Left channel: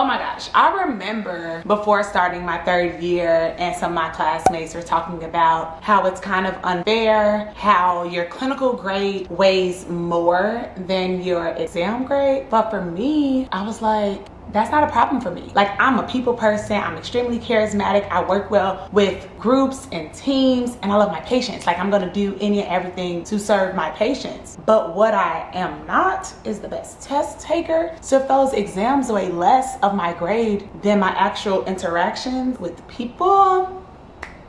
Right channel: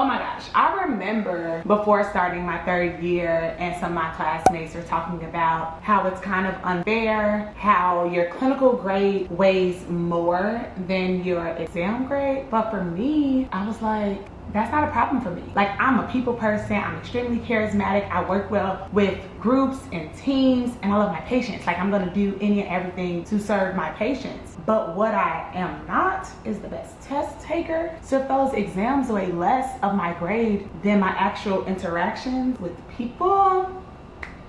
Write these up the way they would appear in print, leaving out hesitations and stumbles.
Oh my gosh, I remember before starting my third year and some of my classmates were talking about how it's kind of unfair, how your clinical grade weighs more than your exam grade. But for me, I was like, that's not a problem for me. Like, I'm a people person, I'm extremely charismatic, I work well with groups and teams, and I love my patients. Like, I'm gonna do any and everything to serve my patients. But what I am not is the best test taker. So if those exams weigh less of my grade than my actual interactions with people,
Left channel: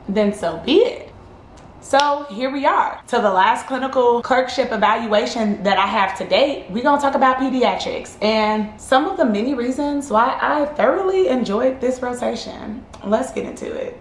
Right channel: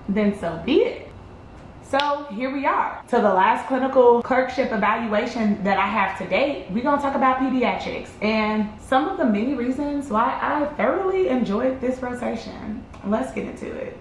then so be it. So here we are. So the last clinical clerkship evaluation that I have to date, we're gonna talk about pediatrics and some of the many reasons why I thoroughly enjoyed this rotation. Let's get into it.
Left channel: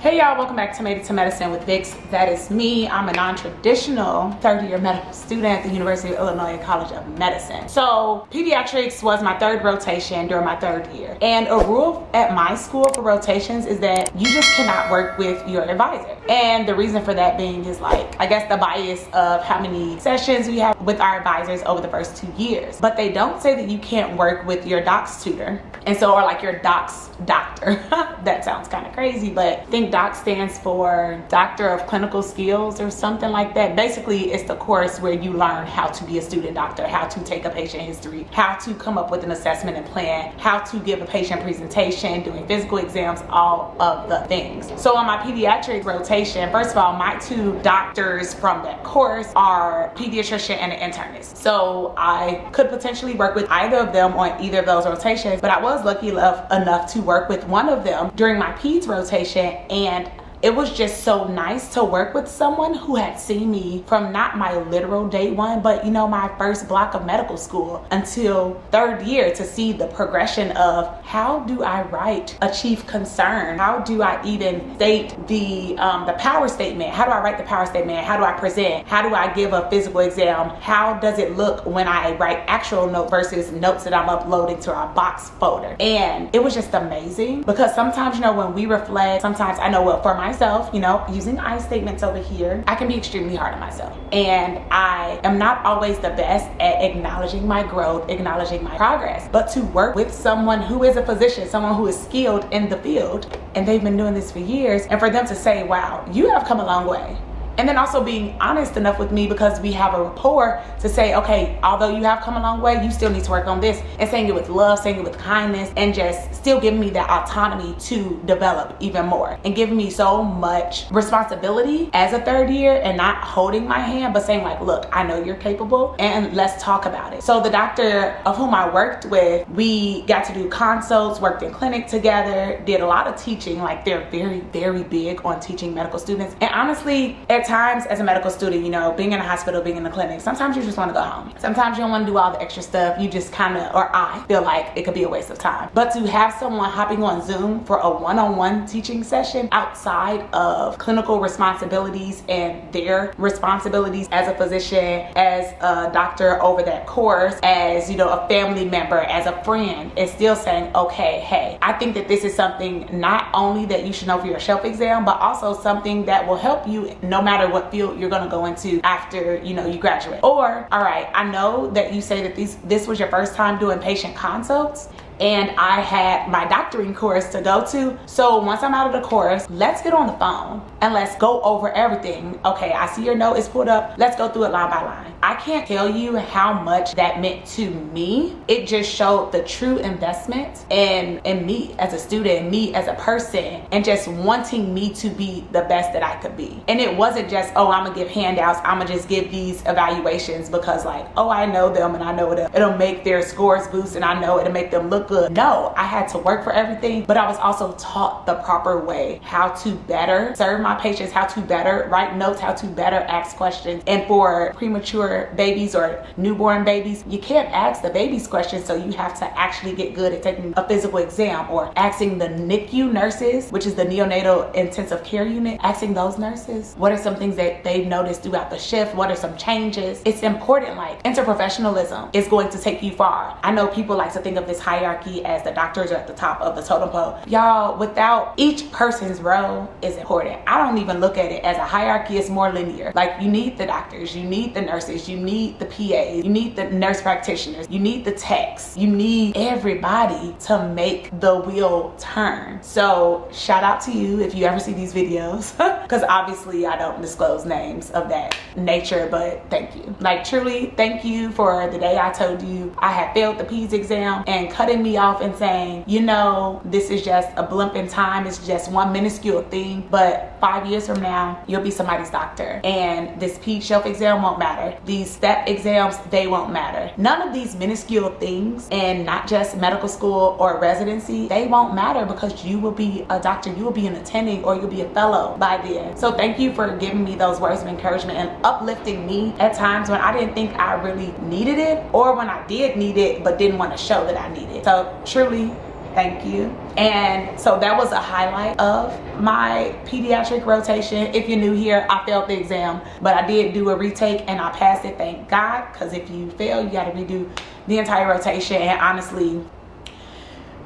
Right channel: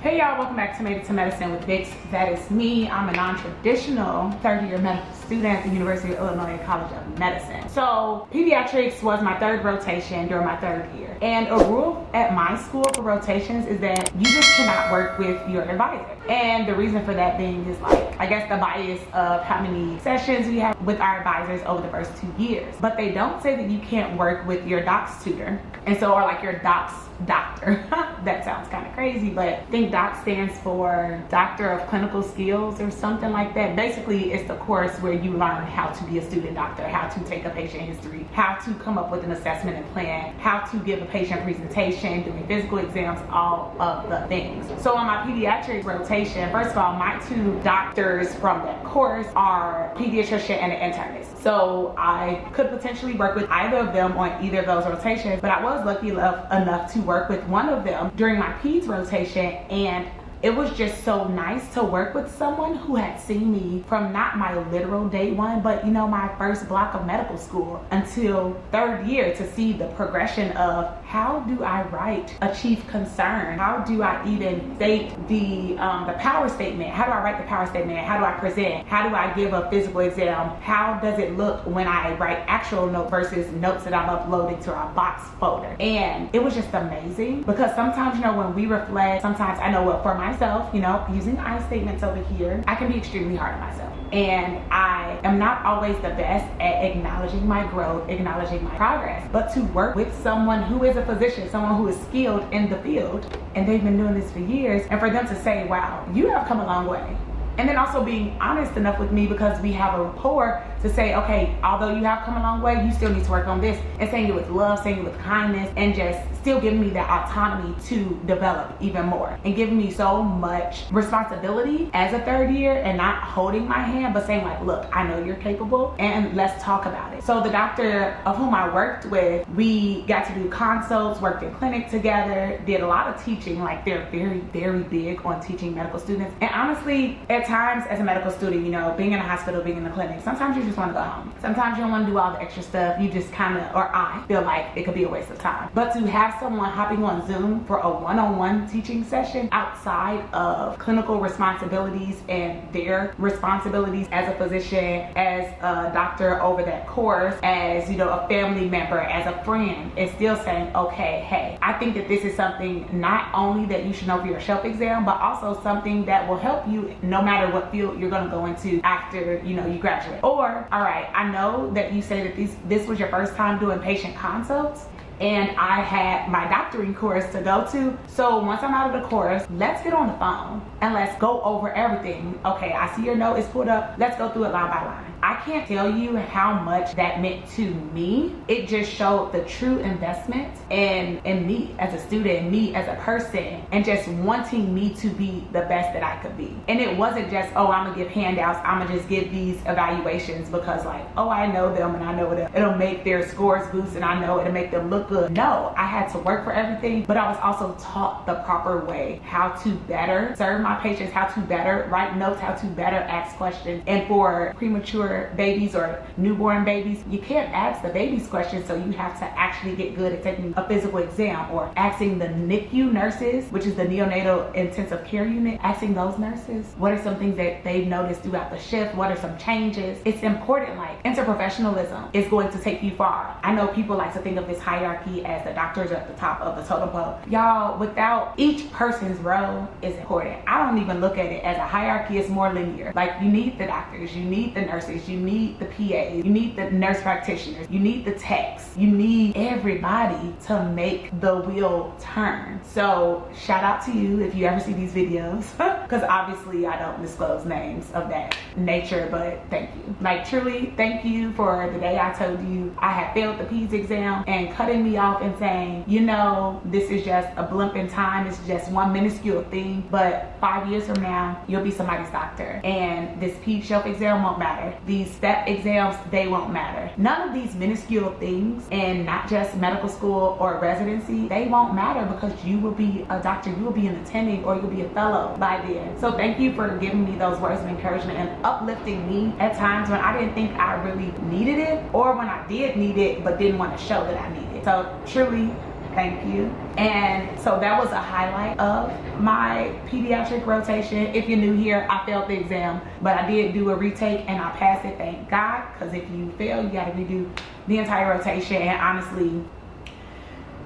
Hey y'all, welcome back to Made It to Medicine with Vix. That is me. I'm a non-traditional third-year medical student at the University of Illinois College of Medicine. So pediatrics was my third rotation during my third year. And a rule at my school for rotations is that you just cannot work with your advisor. And the reason for that being is, like, I guess the bias of how many sessions we have with our advisors over the first 2 years. But they don't say that you can't work with your docs tutor. And so, or like your docs doctor. That sounds kind of crazy, but I think DOC stands for Doctor of Clinical Skills or something like that. Basically, it's the course where you learn how to be a student doctor, how to take a patient history, how to come up with an assessment and plan, how to give a patient presentation, doing physical exams, all of the things. So on my pediatric rotation, first of all, my two doctors from that course are pediatrician and an internist. So I could potentially work with either of them on either of those rotations, but I was lucky enough to work with one of them during my peds rotation, and it was just so nice to work with someone who had seen me from not my literal day one, but you know, my first block of medical school until third year, to see the progression of how do I write a chief concern? How do I even state the power statement? How do I write the power statement? How do I present? How do I give a physical exam? How does it look when I write actual notes versus notes that I'm uploading to our box folder? And it was just amazing, because sometimes, you know, when we reflect, sometimes I know what for myself, you know, using I statements over here, I can be extremely hard on myself. And I am not always the best at acknowledging my growth, acknowledging my progress. But to work with someone who is a physician, someone who is skilled in the field, and they've been doing this for years, and for them to say, wow, you have come a long way. And then also being honest enough with me, because we have a rapport, to say, okay, although you have come a long way, you still need to work on this, and saying it with love, saying it with kindness, and just still giving me that autonomy to develop even more, and giving me so much responsibility as a third year, and not holding my hand, but saying like, look, I know you're capable, and let's talk about it. So the doctor of whom I worked with, we got to do consults, worked in clinic together, did a lot of teaching. Like, they're very, very big on teaching medical students. And honestly, at times as a medical student, you know, being in a hospital, being in a clinic, sometimes you just want to go home. Sometimes you don't want to do all the extra stuff. You just kind of, or I feel like it could be a waste of time. But to have someone hopping on Zoom for a one-on-one teaching session outside of clinical responsibilities and their responsibilities as a physician, as a doctor over that course, as, you know, a family member, as a friend, is still saying, okay, hey, I think that this is something not only that you should know for your shelf exam, but also something that will help you no matter what field you're going to go into after, you know, you graduate. Or, all right, I know that you say that this was your first time doing patient consults, and I had my doctoring course to go to. So once I'm out of the course, let's get on the phone and let's go over everything. Okay, I see your note is pulled up. Let's go through it line by line. I can't tell you how much that meant to me. It just showed the true investment in me as a student, me as a person, and just wanting me to be the best that I could be. And it wasn't just, oh, I'm gonna give handouts, I'm gonna just give these evaluations because, like, oh, I know them and I know it'll make their scores boost and I know it'll make them look good. No, I had to work for everything, but I was also taught the proper way, how to better serve my patients, how to better write notes, how to better ask questions. And for premature babies or newborn babies, you can't ask the babies questions, so you have to actually get good at taking a physical exam, or asking the NICU nurses, which is the neonatal intensive care unit, asking those nurses, what are some things that they've noticed throughout the shift? What are some changes? It's important. Like, interprofessionalism is going to take you far. I know people like to think of this hierarchy hierarchy as the doctors are at the top of the totem pole. Y'all, without each person's role is important. I don't even look at it as a hierarchy. It's more linear. Like, you need the doctors, you need the nurses, you need the PAs, you need the nurse practitioners, you need the techs, you need everybody to make the wheel turn. So shout out to you if you ever see these videos, because obviously I don't disclose names of that nature, but thank you. Like, truly, thank you for the day I told you I had failed the PEDS exam and cutting me off and saying, you know, this is just a blimp in time, it's just one minuscule thing, but 5 years from now, you'll be somebody's doctor. And this PEDS shelf exam won't matter. These step exams, they won't matter. None of these minuscule things, and not just medical school or residency, they won't matter because you will be a doctor, you will be an attending, or you'll be a fellow by then. So thank you for giving me those words of encouragement and uplifting me at times when I didn't think I really needed it, or when I did need it but didn't want to show that I needed it. So truly, thank you. And so that was a highlight of my pediatric rotation. If you're new here, I failed the exam, but I did do a retake and I passed it, thank God, because if you fail, you got to redo the entire rotation. And honestly,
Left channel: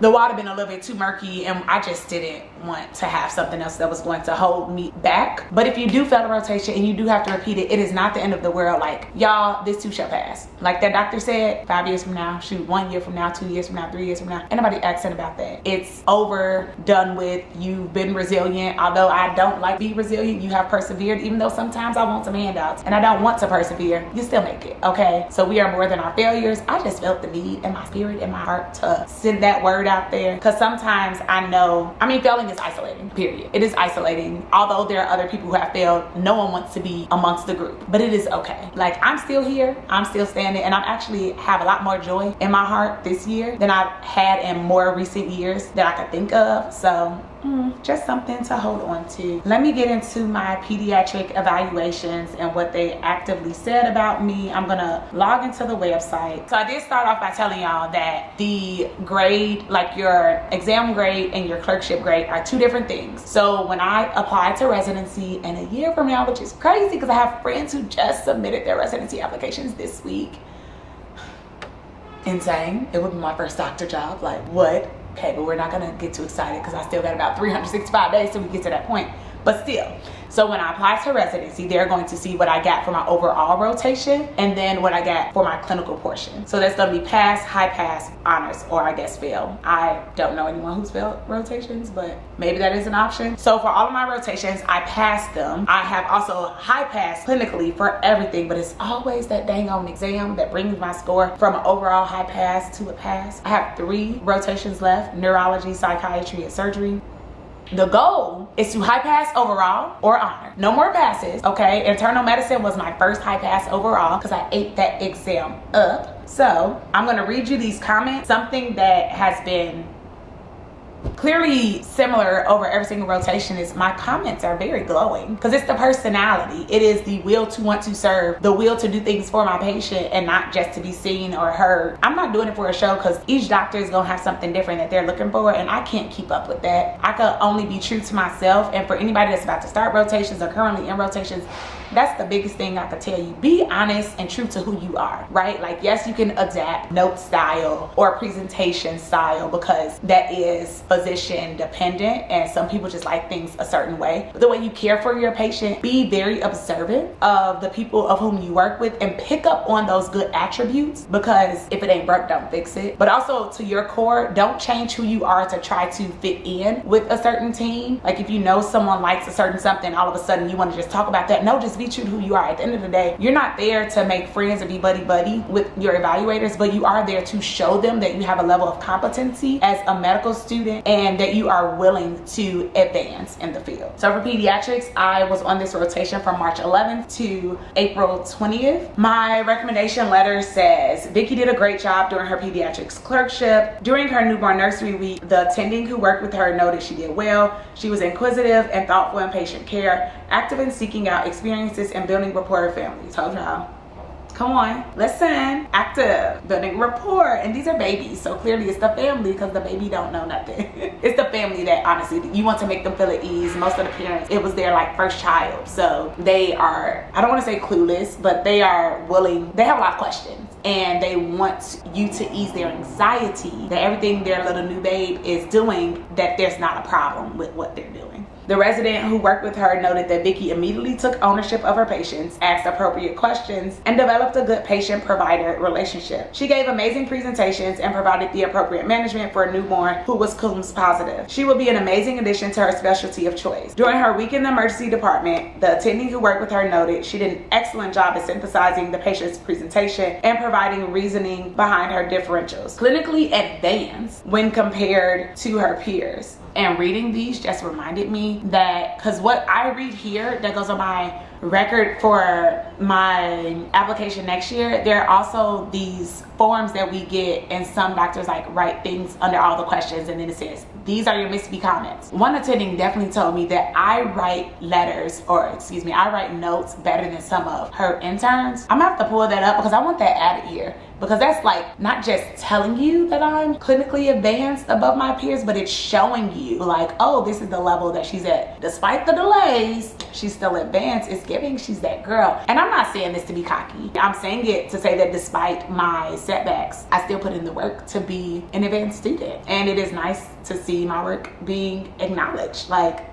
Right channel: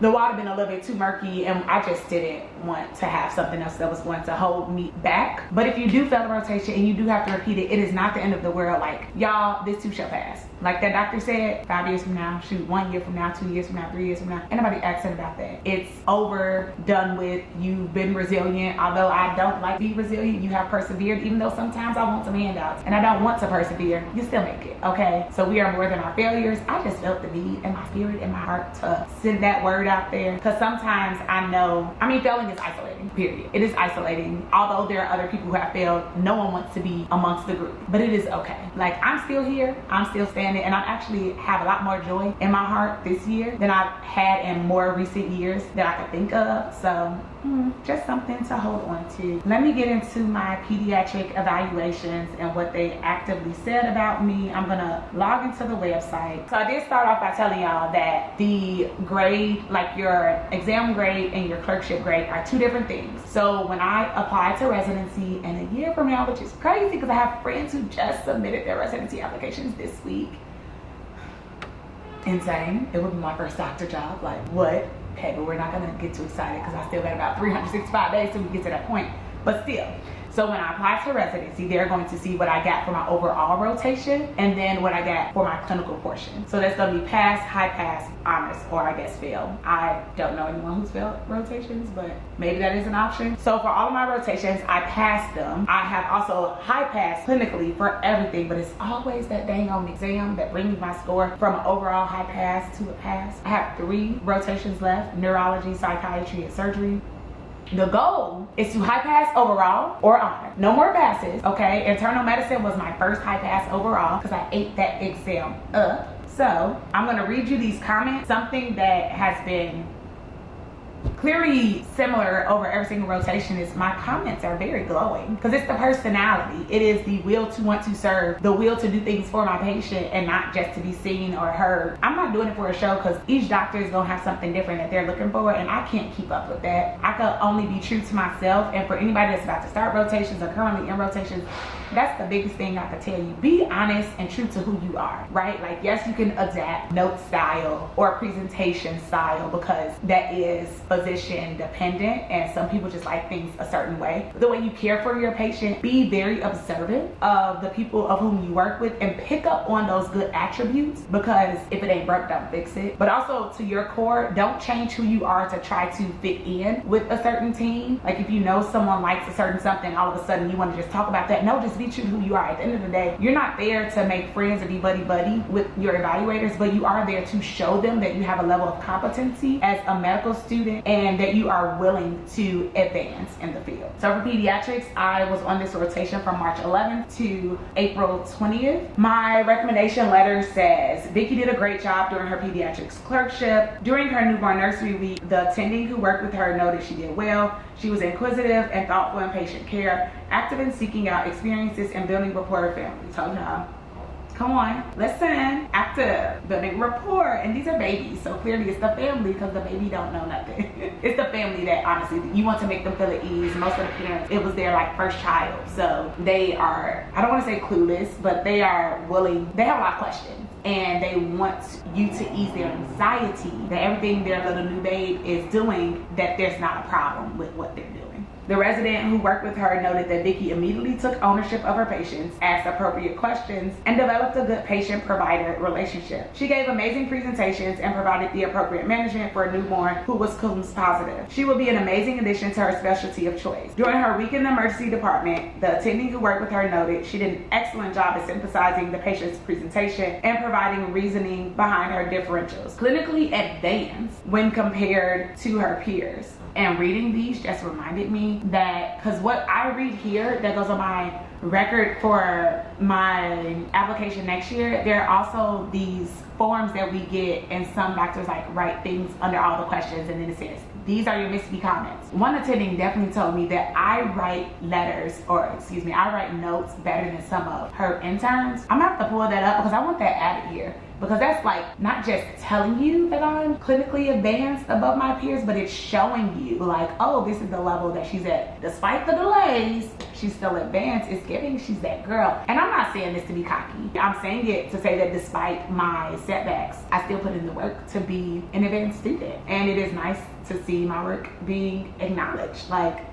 the water been a little bit too murky, and I just didn't want to have something else that was going to hold me back. But if you do fail the rotation and you do have to repeat it, it is not the end of the world. Like, y'all, this too shall pass. Like that doctor said, 5 years from now, shoot, 1 year from now, 2 years from now, 3 years from now, ain't nobody asking about that. It's over, done with. You've been resilient. Although I don't like be resilient, you have persevered. Even though sometimes I want some handouts and I don't want to persevere, you still make it, okay? So we are more than our failures. I just felt the need in my spirit and my heart to send that word out there, because sometimes I know, I mean, failing is isolating, period. It is isolating. Although there are other people who have failed, no one wants to be amongst the group, but it is okay. Like, I'm still here, I'm still standing, and I actually have a lot more joy in my heart this year than I've had in more recent years that I could think of. So just something to hold on to. Let me get into my pediatric evaluations and what they actively said about me. I'm gonna log into the website. So I did start off by telling y'all that the grade, like your exam grade and your clerkship grade, are two different things. So when I applied to residency, and a year from now, which is crazy because I have friends who just submitted their residency applications this week. Insane. It would be my first doctor job. Like, what? Okay, but we're not gonna get too excited because I still got about 365 days till we get to that point. But still, so when I apply to residency, they're going to see what I got for my overall rotation and then what I got for my clinical portion. So that's gonna be pass, high pass, honors, or I guess fail. I don't know anyone who's failed rotations, but maybe that is an option. So for all of my rotations, I passed them. I have also high pass clinically for everything, but it's always that dang on exam that brings my score from an overall high pass to a pass. I have 3 rotations left: neurology, psychiatry, and surgery. The goal is to high pass overall or honor. No more passes, okay? Internal medicine was my first high pass overall because I ate that exam up. So I'm gonna read you these comments. Something that has been clearly similar over every single rotation is my comments are very glowing, because it's the personality. It is the will to want to serve, the will to do things for my patient and not just to be seen or heard. I'm not doing it for a show, because each doctor is gonna have something different that they're looking for, and I can't keep up with that. I could only be true to myself. And for anybody that's about to start rotations or currently in rotations, that's the biggest thing I could tell you. Be honest and true to who you are, right? Like, yes, you can adapt note style or presentation style, because that is physician dependent and some people just like things a certain way. The way you care for your patient, be very observant of the people of whom you work with and pick up on those good attributes, because if it ain't broke, don't fix it. But also, to your core, don't change who you are to try to fit in with a certain team. Like, if you know someone likes a certain something, all of a sudden you want to just talk about that. No, just be true to who you are. At the end of the day, you're not there to make friends and be buddy-buddy with your evaluators, but you are there to show them that you have a level of competency as a medical student and that you are willing to advance in the field. So for pediatrics, I was on this rotation from March 11th to April 20th. My recommendation letter says, Vicki did a great job during her pediatrics clerkship. During her newborn nursery week, the attending who worked with her noted she did well. She was inquisitive and thoughtful in patient care, active in seeking out experiences and building rapport with family. Told y'all. Come on, listen, active, building rapport, and these are babies, so clearly it's the family, because the baby don't know nothing. It's the family that honestly, you want to make them feel at ease. Most of the parents, it was their like first child, so they are, I don't want to say clueless, but they are willing, they have a lot of questions. and they want you to ease their anxiety that everything their little new babe is doing, that there's not a problem with what they're doing. The resident who worked with her noted that Vickie immediately took ownership of her patients, asked appropriate questions, and developed a good patient-provider relationship. She gave amazing presentations and provided the appropriate management for a newborn who was Coombs positive. She will be an amazing addition to her specialty of choice. During her week in the emergency department, the attending who worked with her noted she did an excellent job at synthesizing the patient's presentation and providing reasoning behind her differentials. Clinically advanced when compared to her peers. And reading these just reminded me that, because what I read here that goes on my record for my application next year, there are also these forms that we get, and some doctors like write things under all the questions, and then it says, these are your Miss B comments. One attending definitely told me that I write letters, or excuse me, I write notes better than some of her interns. I'm gonna have to pull that up because I want that added here, because that's like not just telling you that I'm clinically advanced above my peers, but it's showing you like, oh, this is the level that she's at. Despite the delays, she's still advanced. It's giving she's that girl. And I'm not saying this to be cocky. I'm saying it to say that despite my setbacks, I still put in the work to be an advanced student. And it is nice to see my work being acknowledged. Like,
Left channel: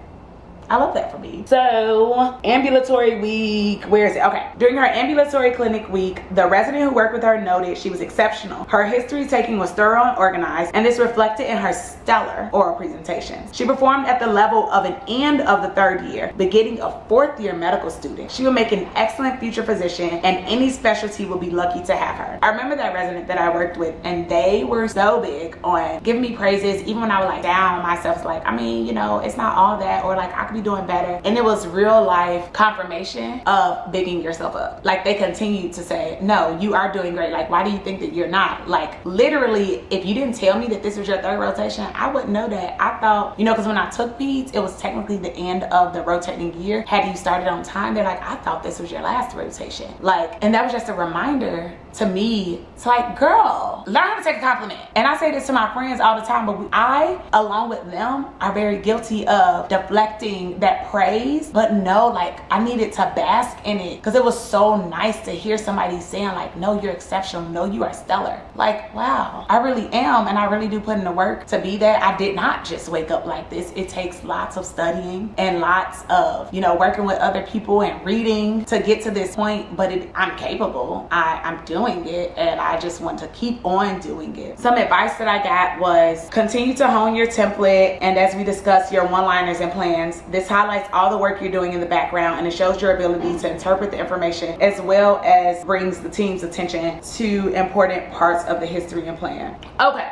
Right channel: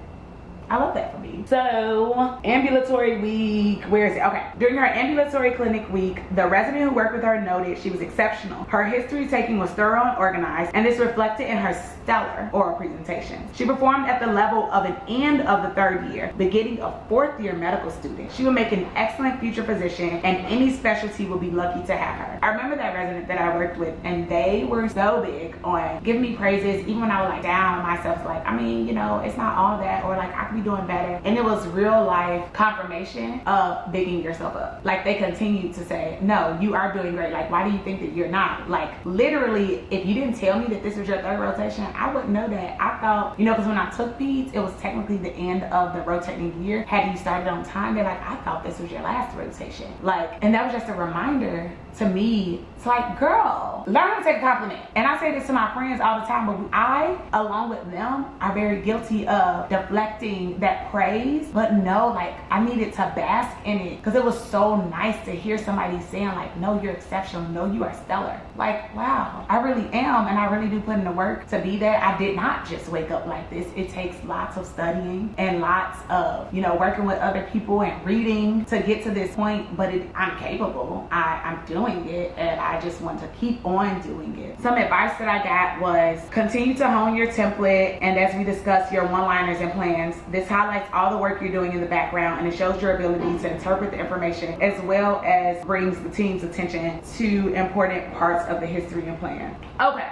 I love that for me. So, ambulatory week, where is it? Okay. During her ambulatory clinic week, the resident who worked with her noted she was exceptional. Her history taking was thorough and organized, and this reflected in her stellar oral presentations. She performed at the level of an end of the third year, beginning a fourth year medical student. She will make an excellent future physician, and any specialty will be lucky to have her. I remember that resident that I worked with, and they were so big on giving me praises, even when I was like down on myself, like, I mean, you know, it's not all that, or like I could be doing better. And it was real life confirmation of bigging yourself up. Like, they continued to say, no, you are doing great. Like, why do you think that you're not? Like, literally, if you didn't tell me that this was your third rotation, I wouldn't know that. I thought, you know, because when I took peds, it was technically the end of the rotating year. Had you started on time, they're like, I thought this was your last rotation. Like, and that was just a reminder to me to like, girl, learn how to take a compliment. And I say this to my friends all the time, but I, along with them, are very guilty of deflecting that praise. But no, like, I needed to bask in it because it was so nice to hear somebody saying like, no, you're exceptional, no, you are stellar. Like, wow, I really am, and I really do put in the work to be that. I did not just wake up like this. It takes lots of studying and lots of, you know, working with other people and reading to get to this point, but I'm capable. I'm doing it, and I just want to keep on doing it. Some advice that I got was continue to hone your template, and as we discussed, your one-liners and plans. This highlights all the work you're doing in the background, and it shows your ability to interpret the information as well as brings the team's attention to important parts of the history and plan. Okay,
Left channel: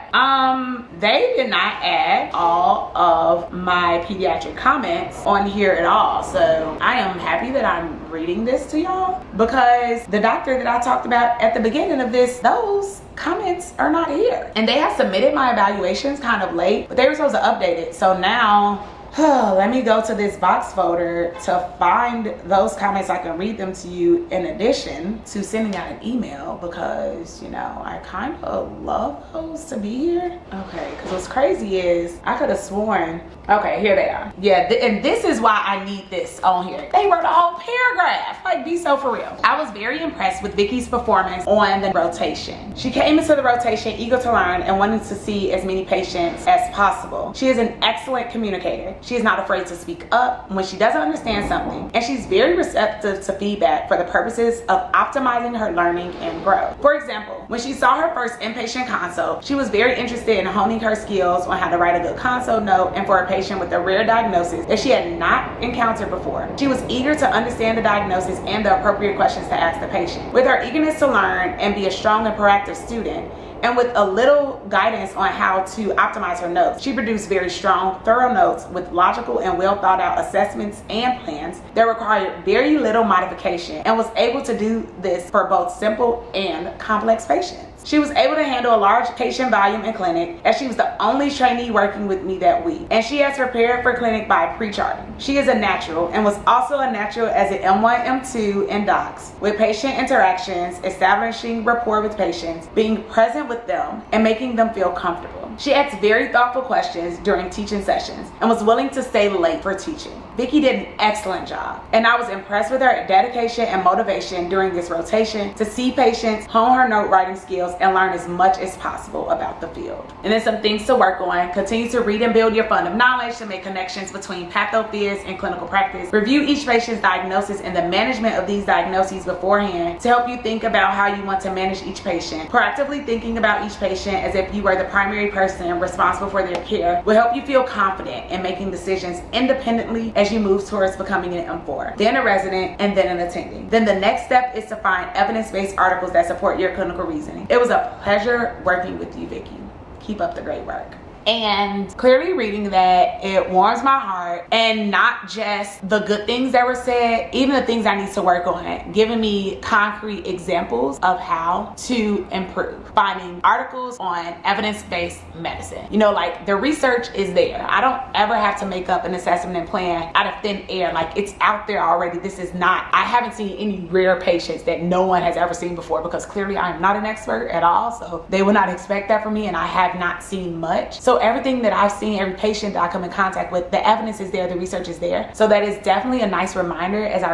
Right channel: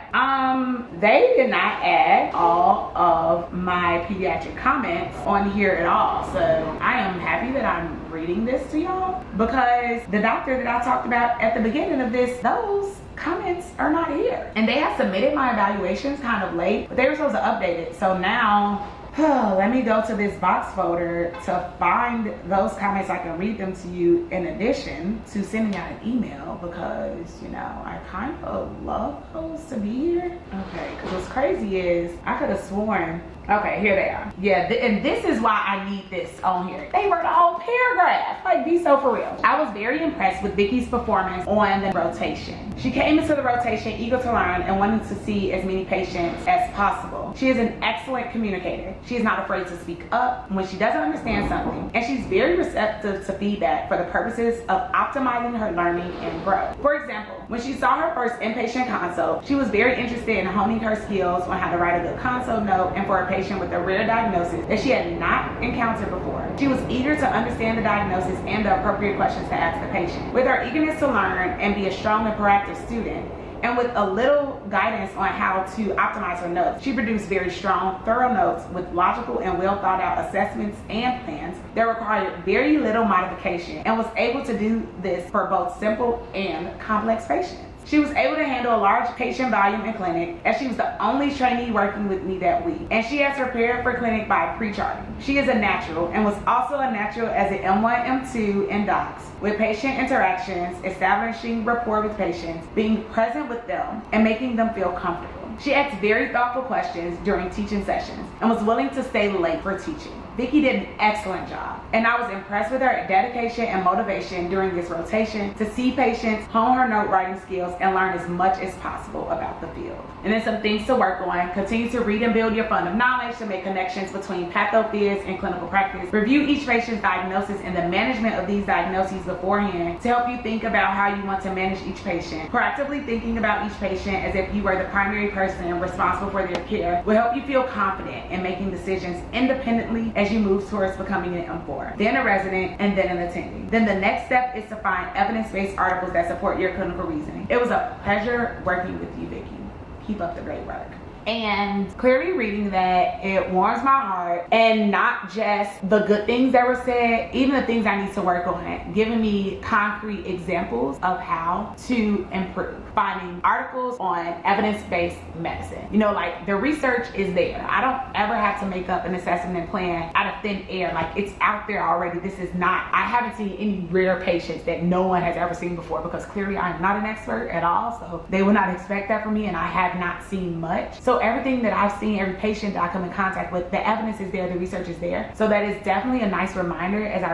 they did not add all of my pediatric comments on here at all, so I am happy that I'm reading this to y'all, because the doctor that I talked about at the beginning of this, those comments are not here. And they had submitted my evaluations kind of late, but they were supposed to update it. So now, let me go to this box folder to find those comments. I can read them to you in addition to sending out an email, because, you know, I kind of love those to be here. Okay, because what's crazy is I could have sworn, okay, here they are. Yeah, and this is why I need this on here. They wrote a whole paragraph. Like, be so for real. I was very impressed with Vickie's performance on the rotation. She came into the rotation eager to learn and wanted to see as many patients as possible. She is an excellent communicator. She is not afraid to speak up when she doesn't understand something, and she's very receptive to feedback for the purposes of optimizing her learning and growth. For example, when she saw her first inpatient consult, she was very interested in honing her skills on how to write a good consult note, and for a patient with a rare diagnosis that she had not encountered before. She was eager to understand the diagnosis and the appropriate questions to ask the patient. With her eagerness to learn and be a strong and proactive student, and with a little guidance on how to optimize her notes, she produced very strong, thorough notes with logical and well thought out assessments and plans that required very little modification, and was able to do this for both simple and complex patients. She was able to handle a large patient volume in clinic as she was the only trainee working with me that week, and she has prepared for clinic by pre-charting. She is a natural and was also a natural as an M1, M2 in docs, with patient interactions, establishing rapport with patients, being present with them, and making them feel comfortable. She asked very thoughtful questions during teaching sessions and was willing to stay late for teaching. Vickie did an excellent job, and I was impressed with her dedication and motivation during this rotation to see patients, hone her note writing skills, and learn as much as possible about the field. And then some things to work on: continue to read and build your fund of knowledge to make connections between pathophys and clinical practice. Review each patient's diagnosis and the management of these diagnoses beforehand to help you think about how you want to manage each patient. Proactively thinking about each patient as if you were the primary person responsible for their care will help you feel confident in making decisions independently as you move towards becoming an M4, then a resident, and then an attending. Then the next step is to find evidence-based articles that support your clinical reasoning. It was a pleasure working with you, Vickie. Keep up the great work. And clearly reading that, it warms my heart, and not just the good things that were said, even the things I need to work on, giving me concrete examples of how to improve. Finding articles on evidence-based medicine. You know, like, the research is there. I don't ever have to make up an assessment and plan out of thin air. Like, it's out there already. This is not, I haven't seen any rare patients that no one has ever seen before, because clearly I am not an expert at all, so they would not expect that from me, and I have not seen much. So everything that I've seen, every patient that I come in contact with, the evidence is there, the research is there. So that is definitely a nice reminder as I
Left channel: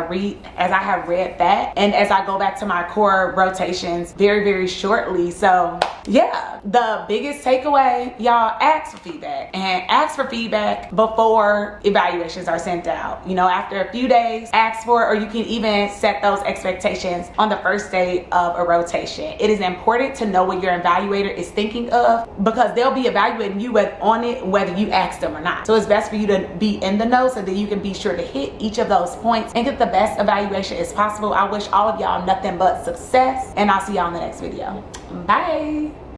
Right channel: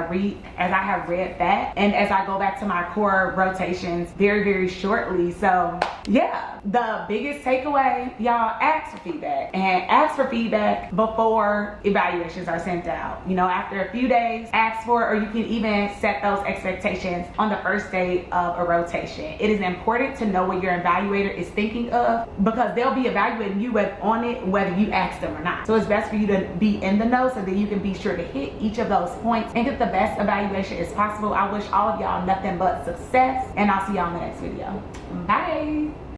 have read that, and as I go back to my core rotations very, very shortly. So yeah, the biggest takeaway, y'all, ask for feedback, and ask for feedback before evaluations are sent out. You know, after a few days, ask for it, or you can even set those expectations on the first day of a rotation. It is important to know what your evaluator is thinking of, because they'll be evaluating you whether you ask them or not. So it's best for you to be in the know so that you can be sure to hit each of those points and get the best evaluation as possible. I wish all of y'all nothing but success, and I'll see y'all in the next video. Bye.